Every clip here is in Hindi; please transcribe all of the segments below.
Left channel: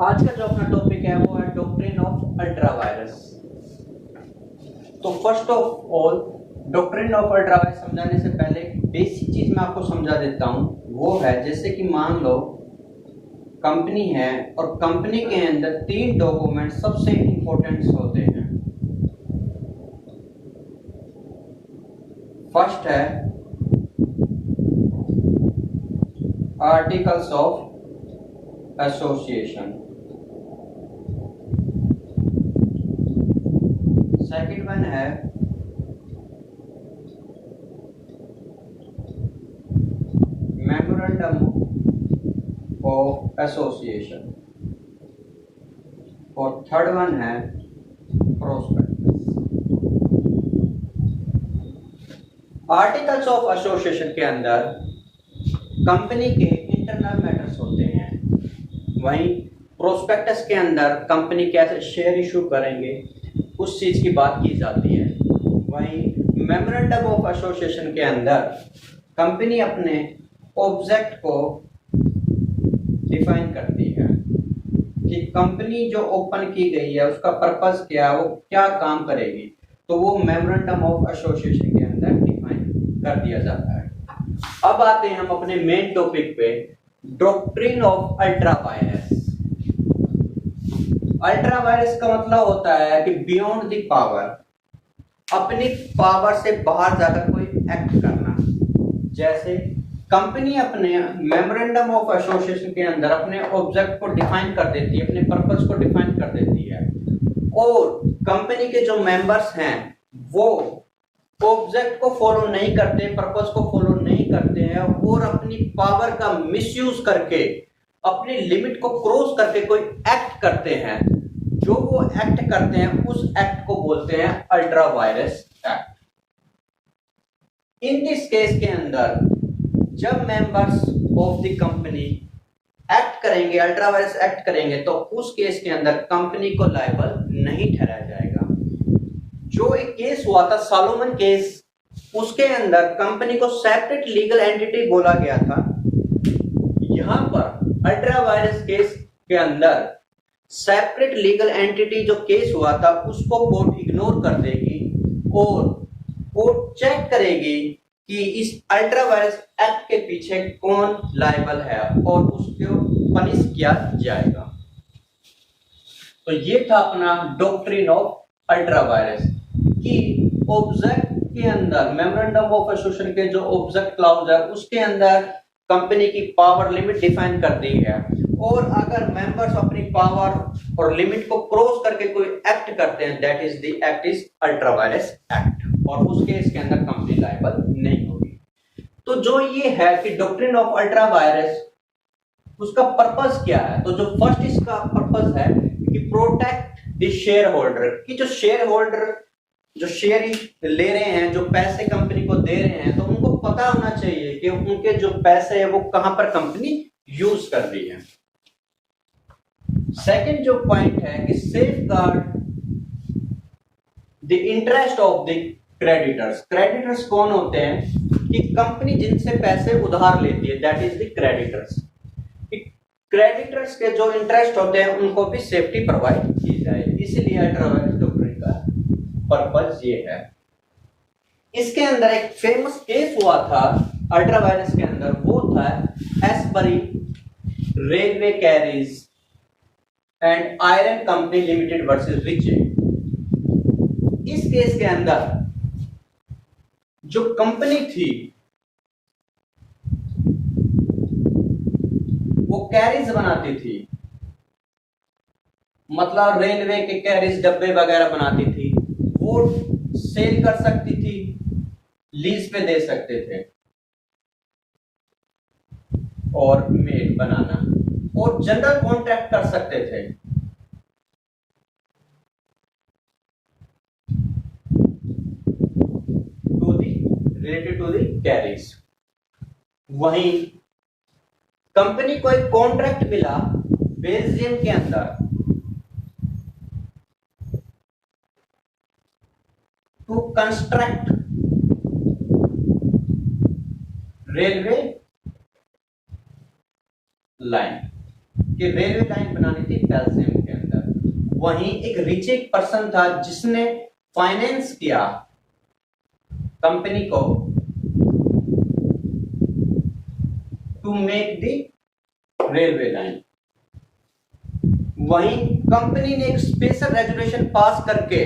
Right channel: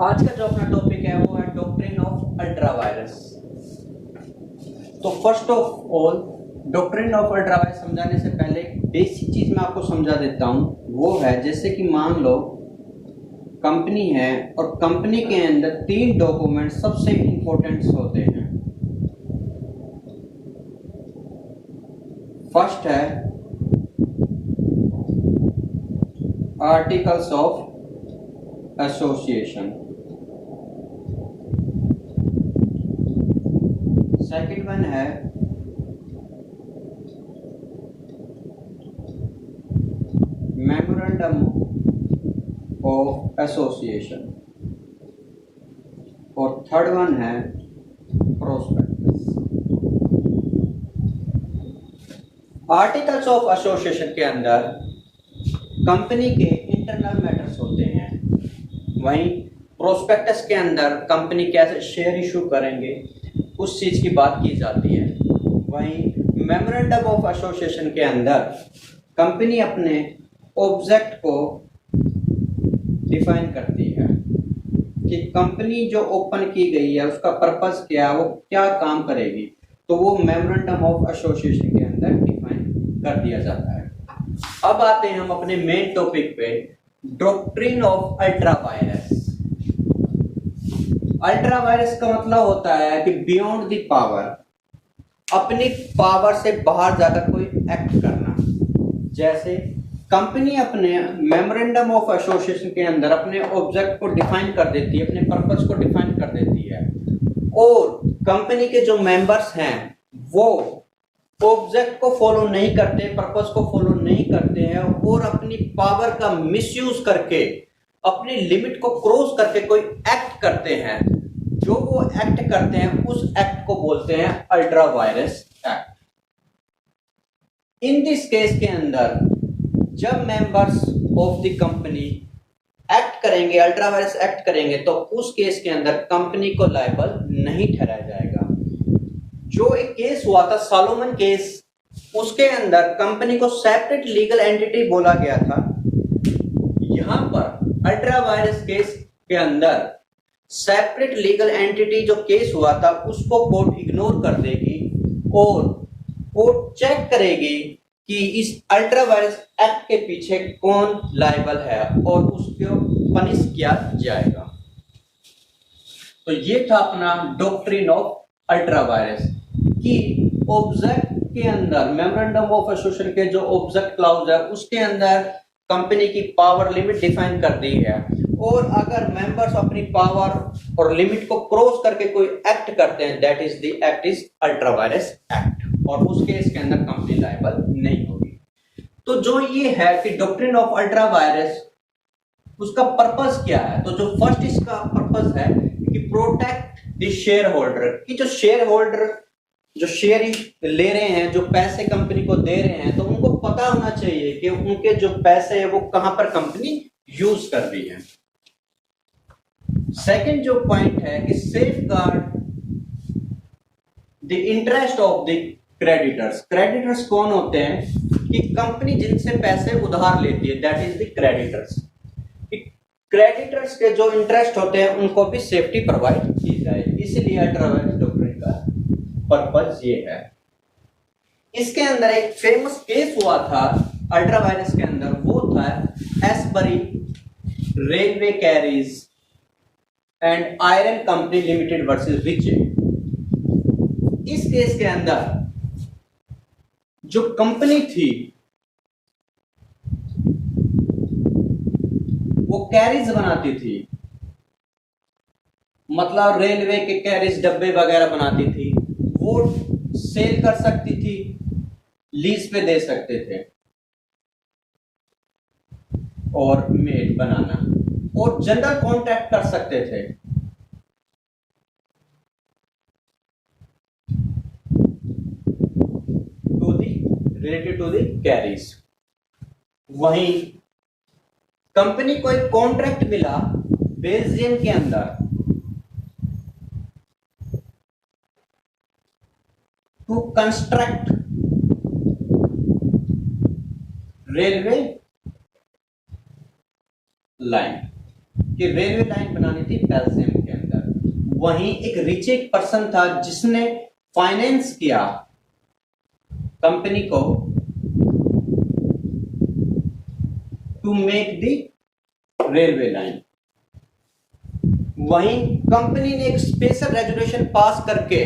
आज का जो अपना टॉपिक है वो है डॉक्ट्रिन ऑफ अल्ट्रा वायरस। तो first of all doctrine of ultra virus समझाने से पहले बेसिक चीज मैं आपको समझा देता हूँ। वो है जैसे कि मान लो कंपनी है और कंपनी के अंदर 3 डॉक्यूमेंट सबसे इंपॉर्टेंट होते हैं। फर्स्ट है articles of association, second one है मेमोरेंडम ऑफ एसोसिएशन और थर्ड वन है प्रोस्पेक्टस। आर्टिकल्स ऑफ एसोसिएशन के अंदर कंपनी के इंटरनल मैटर्स होते हैं, वहीं प्रोस्पेक्टस के अंदर कंपनी कैसे शेयर इशू करेंगे उस चीज की बात की जाती है। वहीं मेमोरेंडम ऑफ एसोसिएशन के अंदर कंपनी अपने ऑब्जेक्ट को डिफाइन करती है कि कंपनी जो ओपन की गई है उसका पर्पस क्या है, वो क्या काम करेगी, तो वो मेमोरेंडम ऑफ एसोसिएशन के अंदर डिफाइन कर दिया जाता है। अब आते हैं हम अपने मेन टॉपिक पे, doctrine of ultra virus. Ultra vires का मतलब होता है कि बियॉन्ड द पावर, अपनी पावर से बाहर जाकर कोई एक्ट करना। जैसे कंपनी अपने मेमोरेंडम ऑफ एसोसिएशन के अंदर अपने ऑब्जेक्ट को डिफाइन कर देती है, अपने पर्पस को डिफाइन कर देती है, और कंपनी के जो मेंबर्स हैं वो ऑब्जेक्ट को फॉलो नहीं करते, पर्पस को फॉलो नहीं करते हैं और अपनी पावर का मिसयूज करके अपनी लिमिट को क्रॉस करके कोई एक्ट करते हैं। जो वो एक्ट करते हैं उस एक्ट को बोलते हैं ultra vires act. In this case के अंदर जब members of the company act करेंगे, अल्ट्रा वायरस एक्ट करेंगे, तो उस केस के अंदर कंपनी को लायबल नहीं ठहराया जाएगा। जो एक केस हुआ था सॉलोमन केस, उसके अंदर कंपनी को सेपरेट लीगल एंटिटी बोला गया था। यहां पर अल्ट्रा वायरस केस के अंदर सेपरेट लीगल एंटिटी जो केस हुआ था उसको कोर्ट इग्नोर कर देगी और कोर्ट चेक करेगी कि इस अल्ट्रा वायरस एक्ट के पीछे कौन लायबल है और उसको पनिश किया जाएगा। तो ये था अपना डॉक्ट्रिन ऑफ अल्ट्रा वायरस कि ऑब्जेक्ट के अंदर मेमोरेंडम ऑफ एसोसिएशन के जो ऑब्जेक्ट क्लाउज है उसके अंदर कंपनी की पावर लिमिट डिफाइन कर दी है, और अगर मेंबर्स अपनी पावर और लिमिट को क्रॉस करके कोई एक्ट करते हैं, that is the act is ultra vires act, और उस केस के अंदर कंपनी लायबल नहीं होगी। तो जो ये है कि डॉक्ट्रिन ऑफ अल्ट्रा वायरस, उसका पर्पस क्या है? तो जो फर्स्ट इसका पर्पस है कि प्रोटेक्ट द शेयर होल्डर, कि जो शेयर होल्डर जो शेयर ले रहे हैं, जो पैसे कंपनी को दे रहे हैं, तो उनको पता होना चाहिए कि उनके जो पैसे है वो कहां पर कंपनी यूज कर रही है। सेकंड जो पॉइंट है कि safe guard the interest of the creditors. Creditors कौन होते हैं? कि कंपनी जिनसे पैसे उधार लेती है, that is the creditors. Creditors के जो इंटरेस्ट होते हैं उनको भी सेफ्टी प्रोवाइड की जाए, इसलिए अल्ट्रा वायरस डॉक्ट्रिन का पर्पस ये है। इसके अंदर एक फेमस केस हुआ था अल्ट्रा वायरस के अंदर, वो था Ashbury railway carriage and iron company limited versus Riche. इस केस के अंदर जो कंपनी थी वो कैरीज बनाती थी, मतलब रेलवे के कैरीज डब्बे वगैरह बनाती थी, वो सेल कर सकती थी, लीज पे दे सकते थे, और मेल बनाना और जनरल कॉन्ट्रैक्ट कर सकते थे। To the related to the carriage. वहीं कंपनी को एक कॉन्ट्रैक्ट मिला बेल्जियम के अंदर टू कंस्ट्रक्ट रेलवे लाइन। कि रेलवे लाइन बनानी थी बेल्जियम के अंदर। वहीं एक रिच एक पर्सन था जिसने फाइनेंस किया कंपनी को to make the railway line. वहीं कंपनी ने एक स्पेशल रेजोल्यूशन पास करके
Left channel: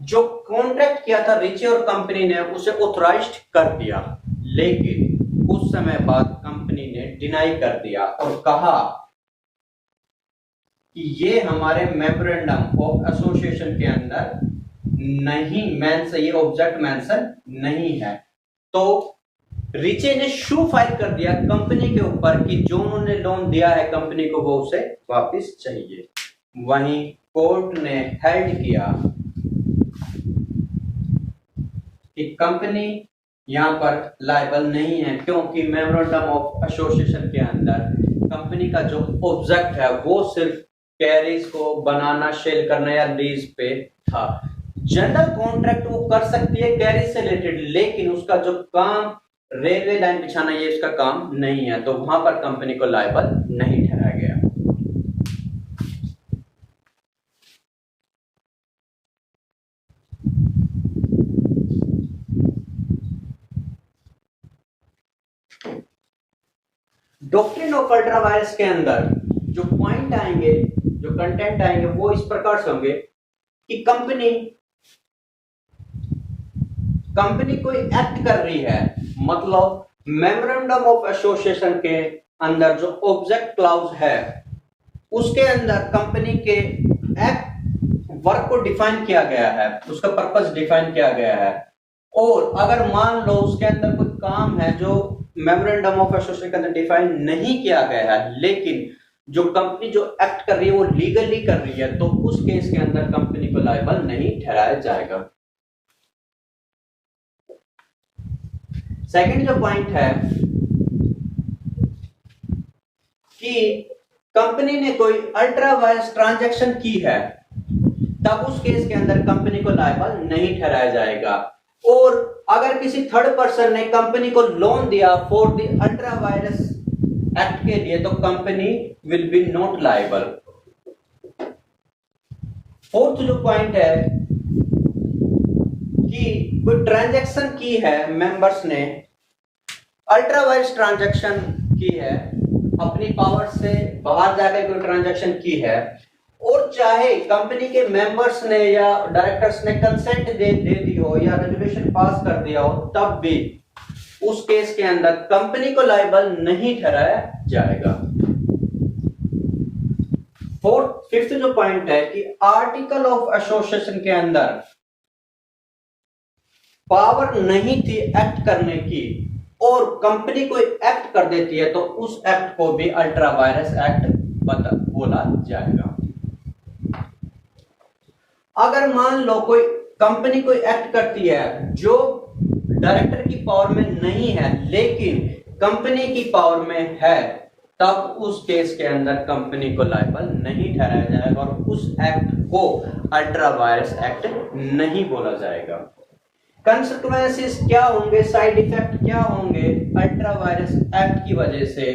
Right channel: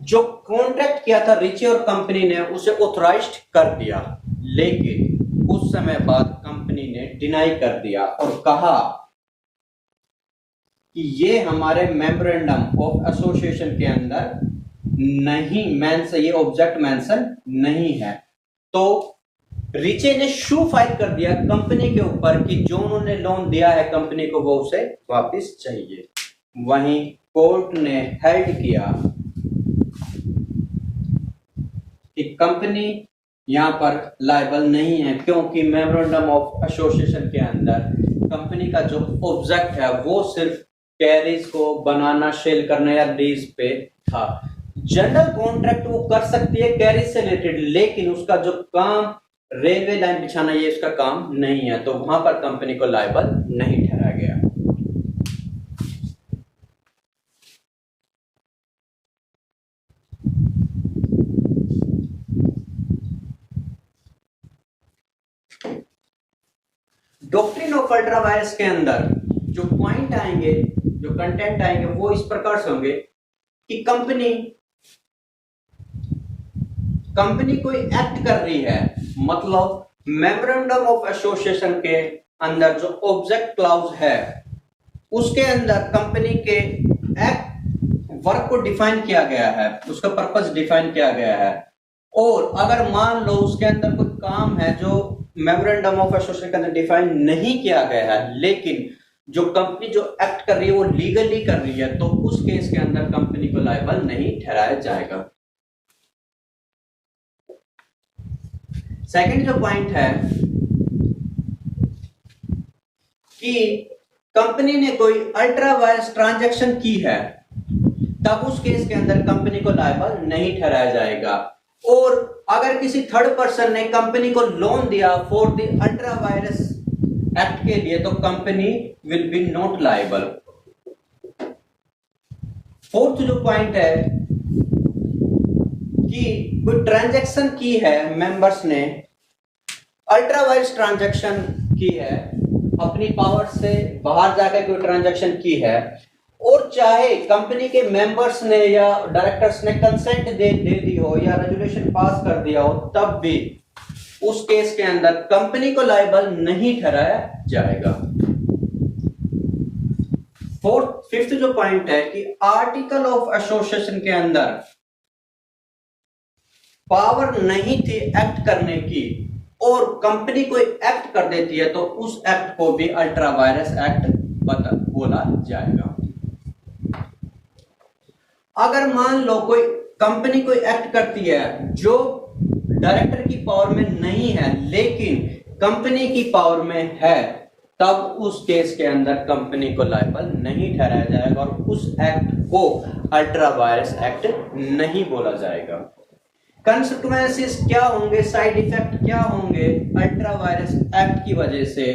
जो कॉन्ट्रैक्ट किया था रिची और कंपनी ने उसे ऑथराइज्ड कर दिया, लेकिन कुछ समय बाद कंपनी ने डिनाई कर दिया और कहा कि ये हमारे मेमोरेंडम ऑफ एसोसिएशन के अंदर नहीं मेंशन, ये ऑब्जेक्ट मेंशन नहीं है। तो रिचे ने शू फाइल कर दिया कंपनी के ऊपर कि जो उन्होंने लोन दिया है कंपनी को वो उसे वापस चाहिए। वहीं कोर्ट ने हेल्ड किया कि कंपनी यहां पर लायबल नहीं है, क्योंकि मेमोरेंडम ऑफ एसोसिएशन के अंदर कंपनी का जो ऑब्जेक्ट है वो सिर्फ कैरीज को बनाना, सेल करना या लीज पे था। जनरल कॉन्ट्रैक्ट वो कर सकती है कैरीज से रिलेटेड, लेकिन उसका जो काम रेलवे लाइन बिछाना ये इसका काम नहीं है, तो वहां पर कंपनी को लायबल नहीं ठहराया गया। डॉक्ट्रिन ऑफ अल्ट्रा वायरस के अंदर जो पॉइंट आएंगे, जो कंटेंट आएंगे वो इस प्रकार से होंगे कि कंपनी कोई एक्ट कर रही है, मतलब मेमोरेंडम ऑफ एसोसिएशन के अंदर जो ऑब्जेक्ट क्लाउज है उसके अंदर कंपनी के एक्ट वर्क को डिफाइन किया गया है, उसका पर्पस डिफाइन किया गया है। और अगर मान लो उसके अंदर कोई काम है जो मेमोरेंडम ऑफ एसोसिएशन के अंदर डिफाइन नहीं किया गया है, लेकिन जो कंपनी जो एक्ट कर रही है वो लीगली कर रही है, तो उस केस के अंदर कंपनी को लायबल नहीं ठहराया जाएगा। सेकंड जो पॉइंट है कि कंपनी ने कोई अल्ट्रा वायरस ट्रांजैक्शन की है, तब उस केस के अंदर कंपनी को लायबल नहीं ठहराया जाएगा। और अगर किसी थर्ड पर्सन ने कंपनी को लोन दिया for the ultra vires act के लिए, तो company will be not liable. Fourth जो पॉइंट है कि कोई ट्रांजैक्शन की है, मेंबर्स ने अल्ट्रा वायरस ट्रांजैक्शन की है, अपनी पावर से बाहर जाकर कोई ट्रांजैक्शन की है, और चाहे कंपनी के मेंबर्स ने या डायरेक्टर्स ने कंसेंट दे दी हो या रेजोल्यूशन पास कर दिया हो, तब भी उस केस के अंदर कंपनी को लायबल नहीं ठहराया जाएगा। फिफ्थ जो पॉइंट है कि आर्टिकल ऑफ एसोसिएशन के अंदर पावर नहीं थी एक्ट करने की और कंपनी कोई एक्ट कर देती है, तो उस एक्ट को भी अल्ट्रा वायरस एक्ट बोला जाएगा। अगर मान लो कोई कंपनी कोई एक्ट करती है जो डायरेक्टर की पावर में नहीं है लेकिन कंपनी की पावर में है, तब उस केस के अंदर कंपनी को लायबल नहीं ठहराया जाएगा और उस एक्ट को अल्ट्रा वायरस एक्ट नहीं बोला जाएगा। कंसिक्वेंसेस क्या होंगे, साइड इफेक्ट क्या होंगे अल्ट्रा वायरस एक्ट की वजह से,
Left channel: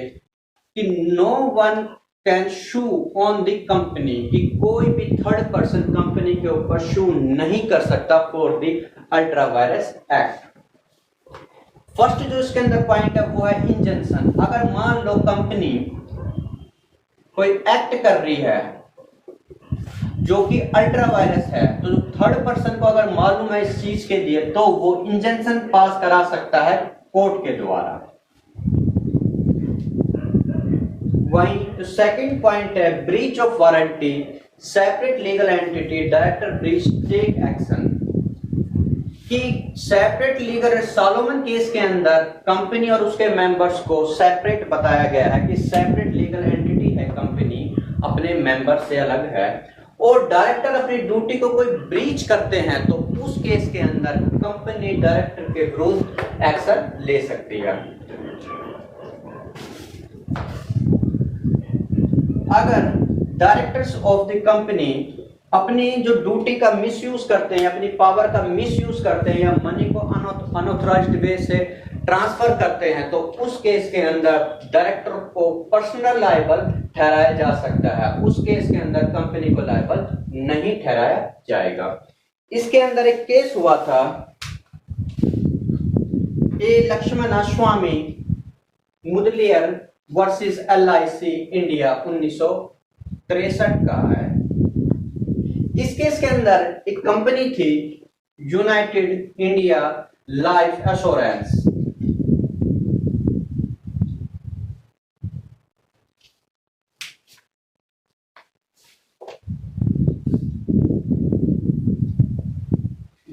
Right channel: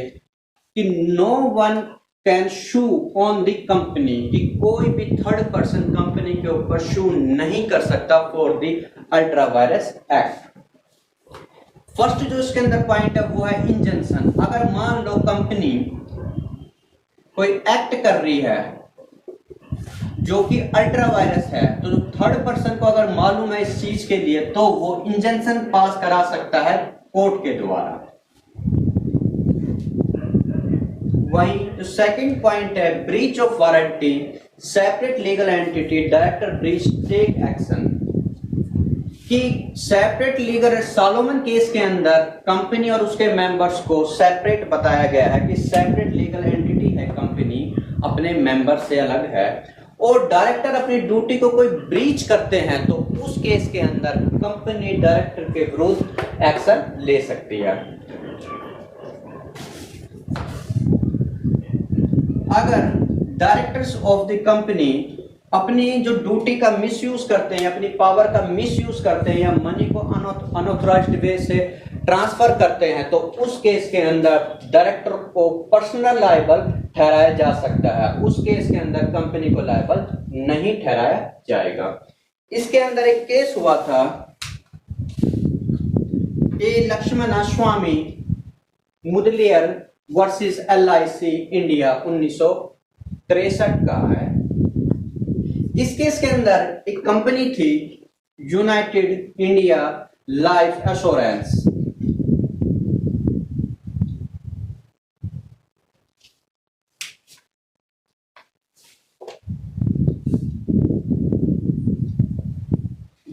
कि no one can sue on the company, कि कोई भी थर्ड पर्सन कंपनी के ऊपर शू नहीं कर सकता for the ultra vires act. First जो इसके अंदर पॉइंट है वो है इंजंक्शन। अगर मान लो कंपनी कोई एक्ट कर रही है जो कि अल्ट्रा वायरस है, तो थर्ड पर्सन को अगर मालूम है इस चीज के लिए, तो वो इंजंक्शन पास करा सकता है कोर्ट के द्वारा। वहीं जो सेकंड पॉइंट है breach of warranty, separate legal entity director breach take action, कि सेपरेट लीगल सॉलोमन केस के अंदर कंपनी और उसके मेंबर्स को सेपरेट बताया गया है कि सेपरेट लीगल एंटिटी है कंपनी, अपने मेंबर से अलग है, और डायरेक्टर अपनी ड्यूटी को कोई ब्रीच करते हैं तो उस केस के अंदर कंपनी डायरेक्टर के विरुद्ध एक्शन ले सकती है। अगर डायरेक्टर्स ऑफ द कंपनी अपनी जो ड्यूटी का मिसयूज करते हैं, अपनी पावर का मिसयूज करते हैं या मनी को अनऑथराइज्ड वे से ट्रांसफर करते हैं तो उस केस के अंदर डायरेक्टर को पर्सनल लायबल ठहराया जा सकता है, उस केस के अंदर कंपनी को लायबल नहीं ठहराया जाएगा। इसके अंदर एक केस हुआ था ए लक्ष्मण स्वामी मुदलियर वर्सेस LIC इंडिया 1963 का है। इस केस के अंदर एक कंपनी थी यूनाइटेड इंडिया लाइफ एश्योरेंस।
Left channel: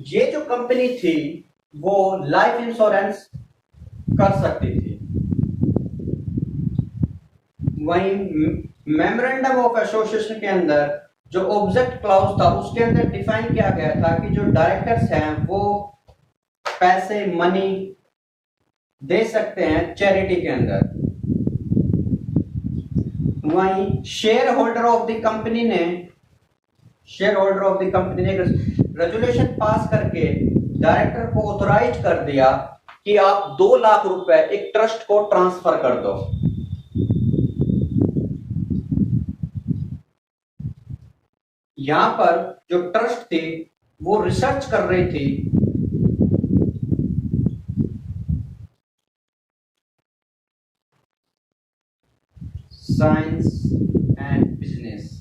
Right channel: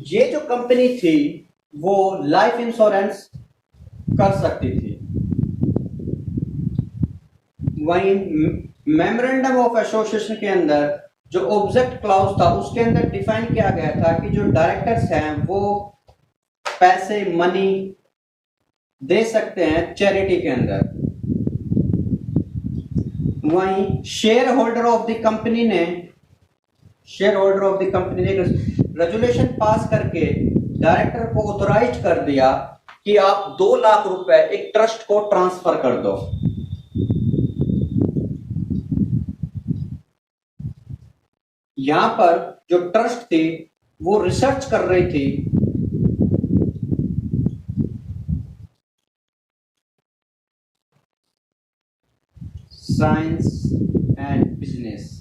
ये जो कंपनी थी वो लाइफ इंश्योरेंस कर सकती थी। वहीं मेमोरेंडम ऑफ एसोसिएशन के अंदर जो ऑब्जेक्ट क्लॉज था उसके अंदर डिफाइन किया गया था कि जो डायरेक्टर्स हैं वो पैसे मनी दे सकते हैं चैरिटी के अंदर। वहीं share holder of the company ने रेजुलेशन पास करके डायरेक्टर को ऑथोराइज कर दिया कि आप 2 लाख रुपए एक ट्रस्ट को ट्रांसफर कर दो। यहां पर जो ट्रस्ट थी वो रिसर्च कर रही थी साइंस एंड बिजनेस।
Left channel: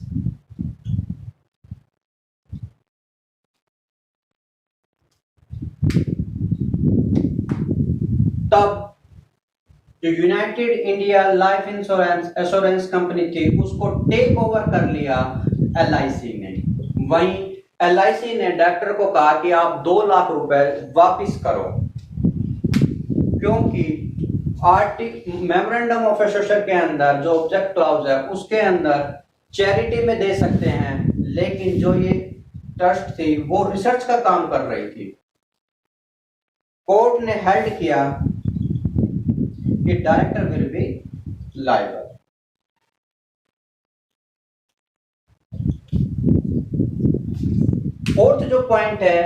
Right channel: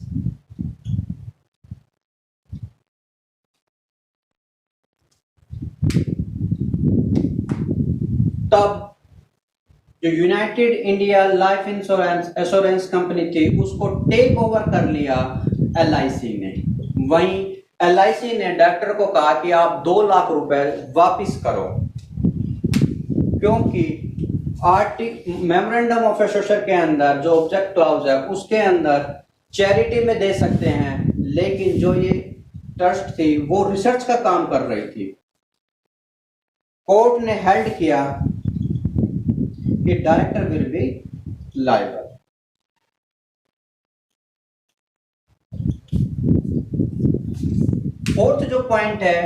तब जो United India life insurance assurance company थी उसको टेक ओवर कर लिया LIC ने। वहीं LIC ने डायरेक्टर को कहा कि आप 2 लाख रुपए वापस करो, क्योंकि मेमोरेंडम ऑफ एसोसिएशन के अंदर जो ऑब्जेक्ट क्लॉज है उसके अंदर चैरिटी में दे सकते हैं, लेकिन जो ये ट्रस्ट थी वो रिसर्च का काम कर रही थी। कोर्ट ने हेल्ड किया कि director will be liable. Fourth जो पॉइंट है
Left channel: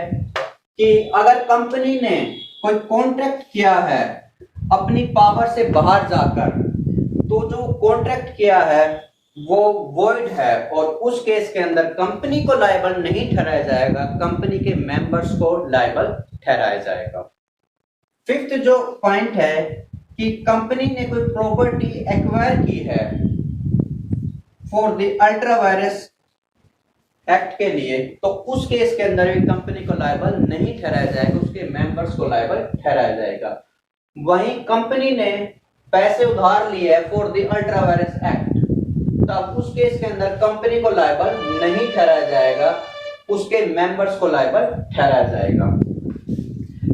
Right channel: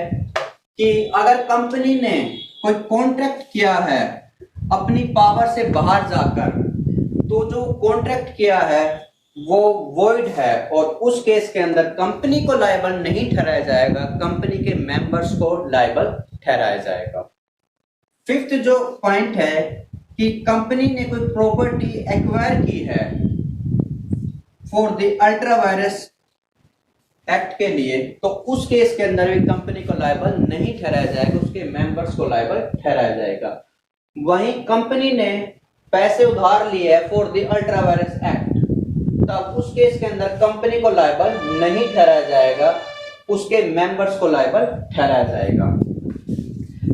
कि अगर कंपनी ने कोई कॉन्ट्रैक्ट किया है अपनी पावर से बाहर जाकर, तो जो कॉन्ट्रैक्ट किया है वो वॉइड है और उस केस के अंदर कंपनी को लायबल नहीं ठहराया जाएगा, कंपनी के मेंबर्स को लायबल ठहराया जाएगा। फिफ्थ जो पॉइंट है कि कंपनी ने कोई प्रॉपर्टी एक्वायर की है for the ultra vires act के लिए, तो उस केस के अंदर भी कंपनी को लायबल नहीं ठहराया जाएगा, उसके मेंबर्स को लायबल ठहराया जाएगा। वहीं कंपनी ने पैसे उधार लिए है for the ultra vires act, तब उस केस के अंदर कंपनी को लायबल नहीं ठहराया जाएगा, उसके मेंबर्स को लायबल ठहराया जाएगा।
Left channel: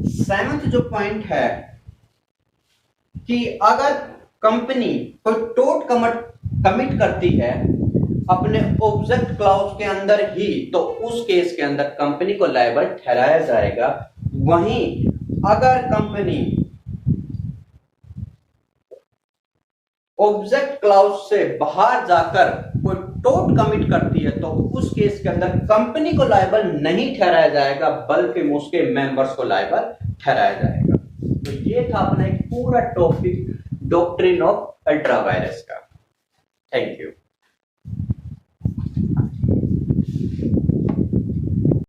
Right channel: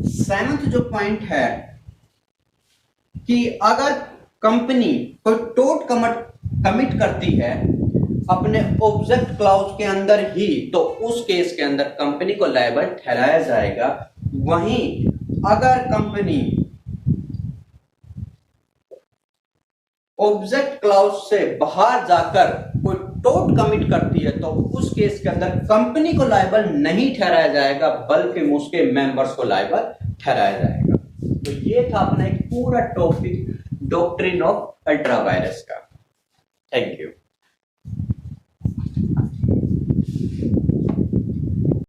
सेवंथ जो पॉइंट है कि अगर कंपनी कोई टोट कमिट करती है अपने ऑब्जेक्ट क्लॉज के अंदर ही, तो उस केस के अंदर कंपनी को लायबल ठहराया जाएगा। वहीं अगर कंपनी ऑब्जेक्ट क्लॉज से बाहर जाकर कोई टोट कमिट करती है तो उस केस के अंदर कंपनी को लायबल नहीं ठहराया जाएगा, बल्कि उसके मेंबर्स को लायबल ठहराया जाएगा। तो ये था अपना एक पूरा topic doctrine of ultra vires का। Thank you.